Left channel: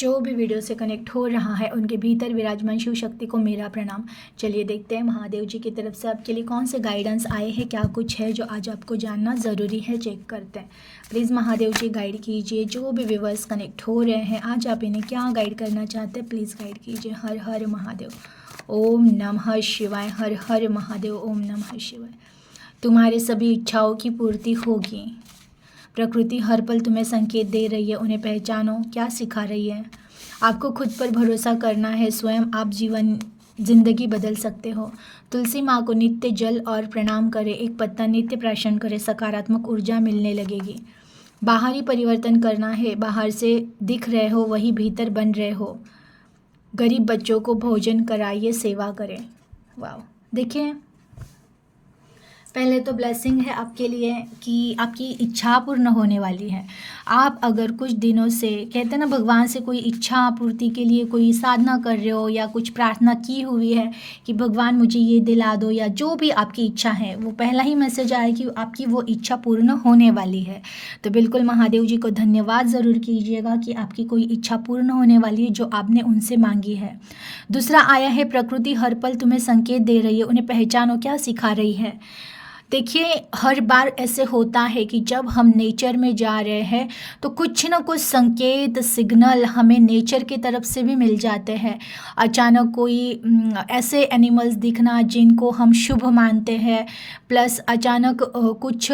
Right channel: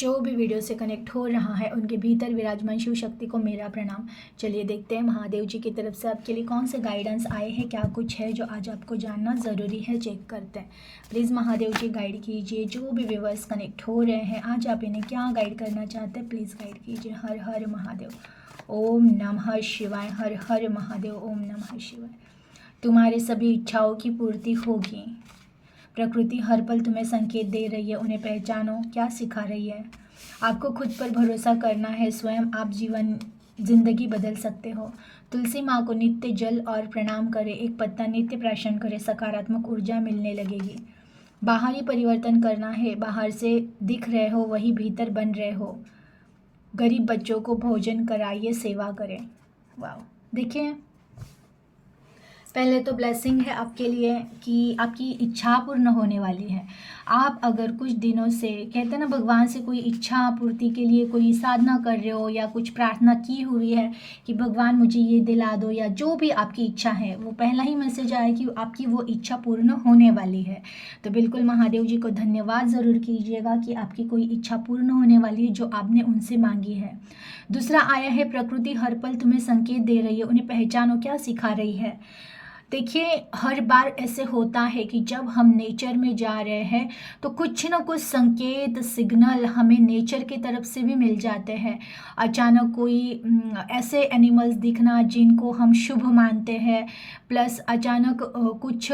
जो भी वीडियो से कनेक्ट हो रहा है उनके भीतर विराजमान शिव शक्ति को मेरा प्रणाम। चलिए देखते हैं महादेव जी की तरफ से आपके लिए कौन से गाइडेंस आए हैं, क्या कुछ है जो आज आपको जानना ज़रूरी है, चेक करते हैं। प्लीज़ महादेव जी गाइड कीजिए, जो भी व्यूवर्स कनेक्ट हो रहे हैं आज आप इन्हें क्या गाइड करना चाहते हैं प्लीज़ गाइड कीजिए। हर हर महादेव, ओम नमः शिवाय। हर हर महादेव, ओम नमः शिवाय। तुम्हारे सभी इच्छाओं की पूर्ति होगी। प्रकृति हर पल तुम्हें संकेत दे रही है, उन्हें पहचानो। क्या सिखा रही है? आपको खुद पर भरोसा करना है, स्वयं आप जिंदगी बदल सकते हो। तुलसी माँ को नित्य जल और प्रणाम करें, एक पत्ता नित्य प्राशन करें, सकारात्मक ऊर्जा मिलने लगेगी। बाहरी परिवर्तन करना है, बाहर से दिख रहे हो वही भीतर बन रहे हो। गरीब बच्चों को भोजन कराइए, सेवा करें। वाह, देखिए पहले तो ब्लेसिंग है आपके लिए कि आपकी इच्छा पूर्ण होने वाली है। आप अगर कुछ दिनों से कहते हैं ना भगवान से कोई इच्छा पूर्ति के लिए कोई साधना कर रहे हो या कुछ प्रार्थना की हुई है कि भगवान मुझे ये दिला दो, या जो भी आपकी इच्छा है वो पहला ही मैसेज आया कि आपकी वो इच्छा पूर्ण होने वाली है। तो बिल्कुल महादेव जी को धन्यवाद ज़रूर कीजिएगा कि आपकी कोई इच्छा पूर्ण होने वाली है जो आपने उनसे मांगी है। दूसरा आया है प्रकृति हर पल तुम्हें संकेत दे रही है, उन्हें पहचानो। क्या सिखा रही है? देखिए हर बार ऐसे होता है कि जब हम नेचर में जा रहे हैं तो कुछ ना कुछ संकेत सिग्नल हमें नेचर की तरफ से भी मिल जाते हैं। अचानक कोई ऐसे एनिमल्स दिखना जिनको हम शुभ मानते हैं, प्लस अचानक कुछ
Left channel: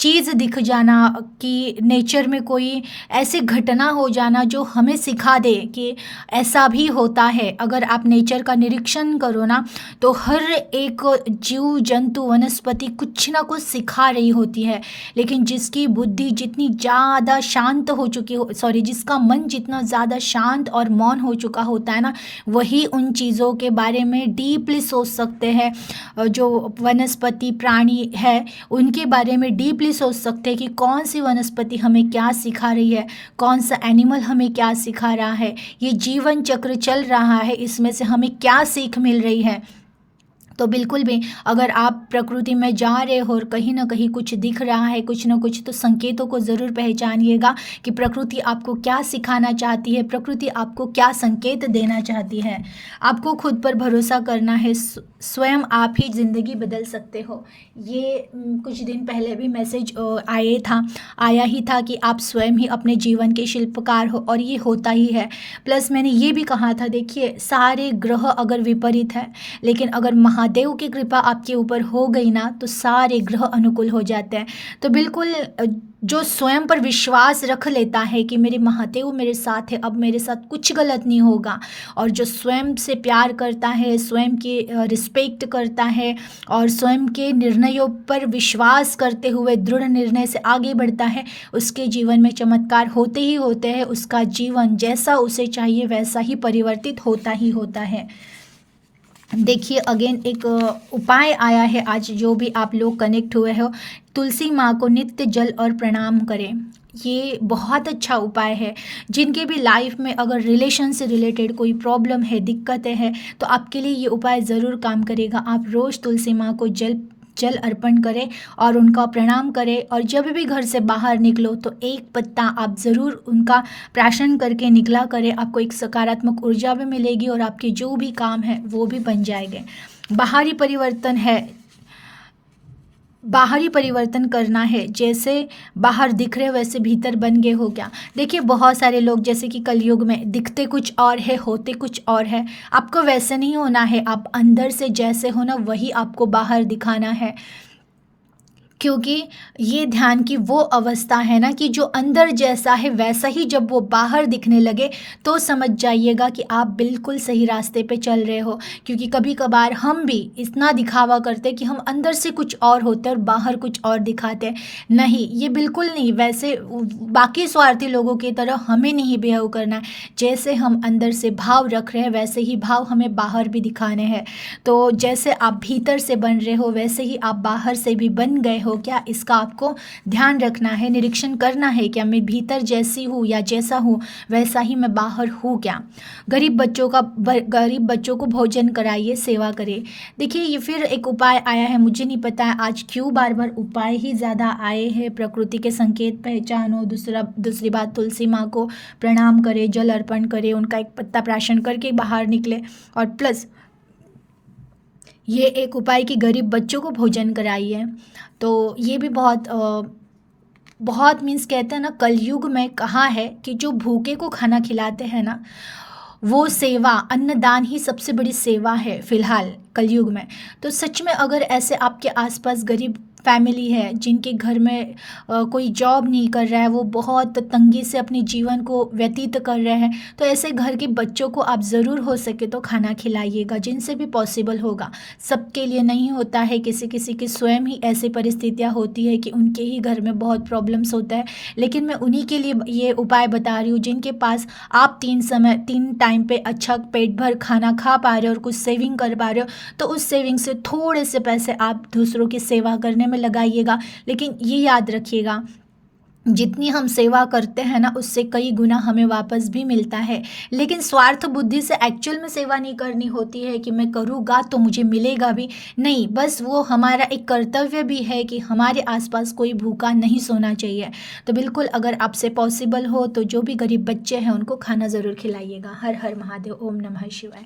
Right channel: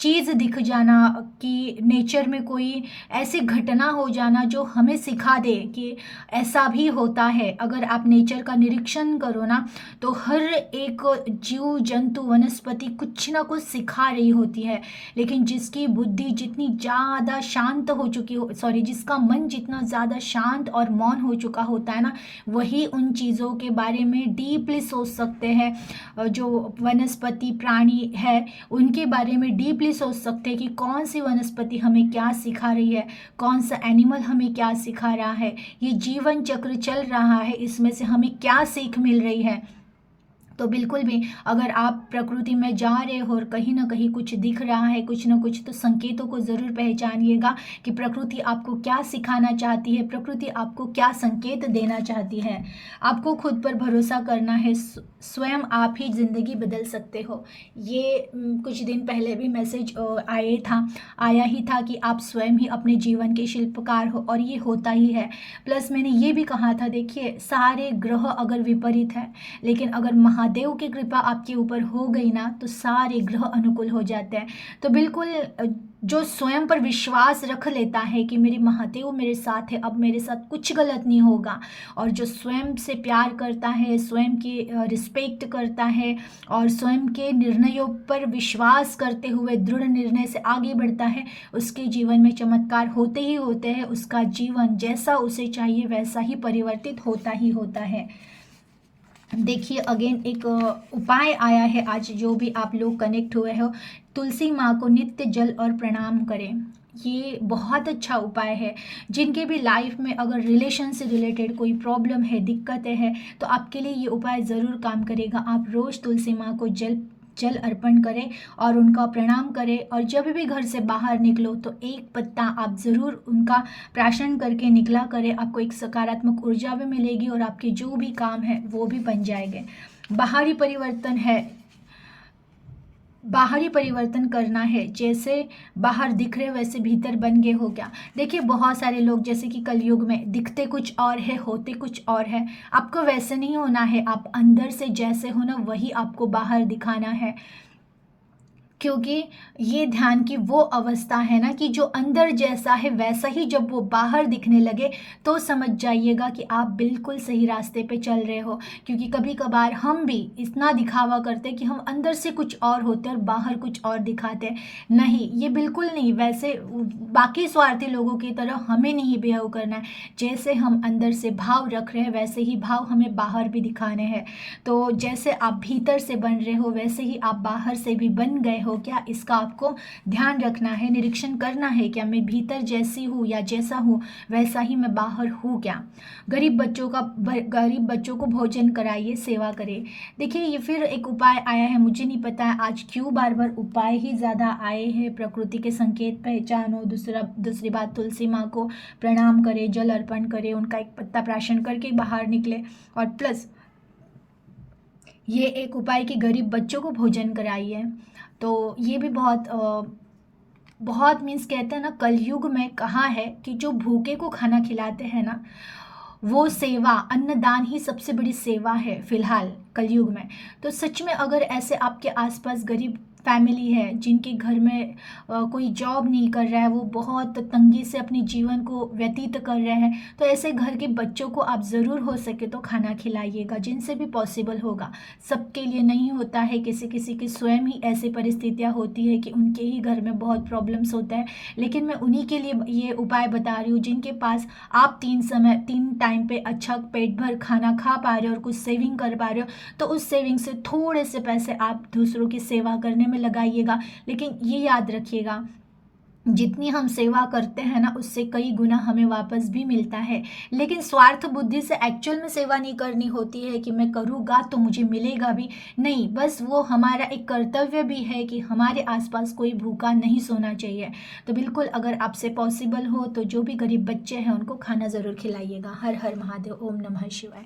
चीज़ दिख जाना कि नेचर में कोई ऐसी घटना हो जाना जो हमें सिखा दे कि ऐसा भी होता है। अगर आप नेचर का निरीक्षण करो ना तो हर एक जीव जंतु वनस्पति कुछ ना कुछ सिखा रही होती है, लेकिन जिसकी बुद्धि जितनी ज़्यादा शांत हो चुकी हो, जिसका मन जितना ज़्यादा शांत और मौन हो चुका होता है ना, वही उन चीज़ों के बारे में डीपली सोच सकते हैं। जो वनस्पति प्राणी है उनके बारे में डीपली सोच सकते हैं कि कौन सी वनस्पति हमें क्या सिखा रही है, कौन सा एनिमल हमें क्या सिखा रहा है, ये जीवन चक्र चल रहा है इसमें से हमें क्या सीख मिल रही है। तो बिल्कुल भी अगर आप प्रकृति में जा रहे हो और कहीं ना कहीं कुछ दिख रहा है कुछ ना कुछ, तो संकेतों को ज़रूर पहचानिएगा कि प्रकृति आपको क्या सिखाना चाहती है, प्रकृति आपको क्या संकेत देना चाहती है। आपको खुद पर भरोसा करना है, स्वयं आप ही ज़िंदगी बदल सकते हो। ये कुछ दिन पहले भी मैसेज आया ही था कि आप स्वयं ही अपने जीवन के शिल्पकार हो, और ये होता ही है। प्लस मैंने ये भी कहा था, देखिए सारे ग्रह अगर विपरीत है, लेकिन अगर महादेव की कृपा आपके ऊपर हो गई ना तो सारे ग्रह अनुकूल हो जाते हैं। तो बिल्कुल जो स्वयं पर विश्वास रख लेता है कि मेरे महादेव मेरे साथ है, अब मेरे साथ कुछ गलत नहीं होगा, और जो स्वयं से प्यार करता है, स्वयं की रिस्पेक्ट करता है और स्वयं के निर्णयों पर विश्वास करते हुए दृढ़ निर्णय से आगे बढ़ता है, उसके जीवन में चमत्कार होते ही होते हैं। उसका जीवन जैसा उसे चाहिए वैसा ही परिवर्तित होता ही होता है। देखिए अगेन एक उपाय आया है आज, जो भी आप लोग कनेक्ट हुए हो, तुलसी माँ को नित्य जल और प्रणाम करें। ये बहुत अच्छा उपाय है। जिनके भी लाइफ में अगर रिलेशन से रिलेटेड कोई प्रॉब्लम है, दिक्कतें हैं, तो आपके लिए ये उपाय ज़रूर काम करेगा। आप रोज़ तुलसी माँ को जल अर्पण करें और उनका प्रणाम करें, और जब भी घर से बाहर निकलो तो एक पत्ता आप ज़रूर उनका प्राशन करके निकला करें। आपको एक सकारात्मक ऊर्जा भी मिलेगी और आपके जो भी काम है वो भी बन जाएंगे। बाहरी परिवर्तन है, बाहरी परिवर्तन करना है, जैसे बाहर दिख रहे वैसे भीतर बन गए हो क्या। देखिए बहुत सारे लोग जैसे कि कलयुग में दिखते कुछ और है, होते कुछ और है। आपको वैसे नहीं होना है, आप अंदर से जैसे हो ना वही आपको बाहर दिखाना है, क्योंकि ये ध्यान की वो अवस्था है ना कि जो अंदर जैसा है वैसा ही जब वो बाहर दिखने लगे तो समझ जाइएगा कि आप बिल्कुल सही रास्ते पे चल रहे हो। क्योंकि कभी कभार हम भी इतना दिखावा करते कि हम अंदर से कुछ और होते और बाहर कुछ और दिखाते। नहीं, ये बिल्कुल नहीं, वैसे बाकी स्वार्थी लोगों की तरह हमें नहीं बिहेव करना है। जैसे हम अंदर से भाव रख रहे हैं वैसे ही भाव हमें बाहर भी दिखाने हैं। तो जैसे आप भीतर से बन रहे हो वैसे ही आप बाहर से भी बन गए हो। हो क्या, इसका आपको ध्यान रखना है, निरीक्षण करना है। क्या मैं भीतर जैसी हूँ या जैसा हूँ वैसा ही मैं बाहर हूँ क्या। गरीब बच्चों को भोजन कराइए, सेवा करें। देखिए ये फिर एक उपाय आया है, मुझे नहीं पता है आज क्यों बार बार उपाय ही ज़्यादा आए हैं। प्रकृति के संकेत पहचानो, दूसरी बात तुलसी माँ को प्रणाम करें, जल अर्पण करें, उनका एक पत्ता प्राशन करके बाहर निकले। और प्लस ये एक उपाय कि गरीब बच्चों को भोजन कराइए। तो ये भी बहुत मीन्स कहते हैं ना, कलयुग में कहा है कि जो भूखे को खाना खिलाते हैं ना, वो सेवा, अन्नदान ही सबसे बड़ी सेवा है फिलहाल कलयुग में। तो सच में अगर ऐसे आपके आसपास गरीब फैमिली है जिनके घर में कोई जॉब नहीं कर रहा है, वो बहुत तंगी से अपने जीवन को व्यतीत कर रहे हैं, तो ऐसे घर के बच्चों को आप ज़रूर हो सके तो खाना खिलाइएगा, जिनसे भी पॉसिबल होगा। सबके लिए नहीं होता है, किसी किसी की स्वयं ही ऐसी परिस्थितियाँ होती है कि उनके ही घर में बहुत प्रॉब्लम्स होता है। लेकिन मैं उन्हीं के लिए ये उपाय बता रही हूँ जिनके पास आप 3 टाइम पे अच्छा पेट भर खाना खा पा रहे हो और कुछ सेविंग कर पा रहे हो, तो उस सेविंग से थोड़े से पैसे आप दूसरों की सेवा करने में लगाइएगा। लेकिन ये याद रखिएगा, जितनी हम सेवा करते हैं ना उससे कई गुना हमें वापस भी मिलता है। लेकिन स्वार्थ बुद्धि से एक्चुअल में सेवा नहीं करनी होती है कि मैं करूँगा तो मुझे मिलेगा भी नहीं, बस वो हमारा एक कर्तव्य भी है कि हमारे आसपास कोई भूखा नहीं सोना चाहिए। तो बिल्कुल अगर आपसे पॉसिबल हो तो जो भी गरीब बच्चे हैं उनको खाना ज़रूर खिलाइएगा। हर हर महादेव, ओम नमः शिवाय।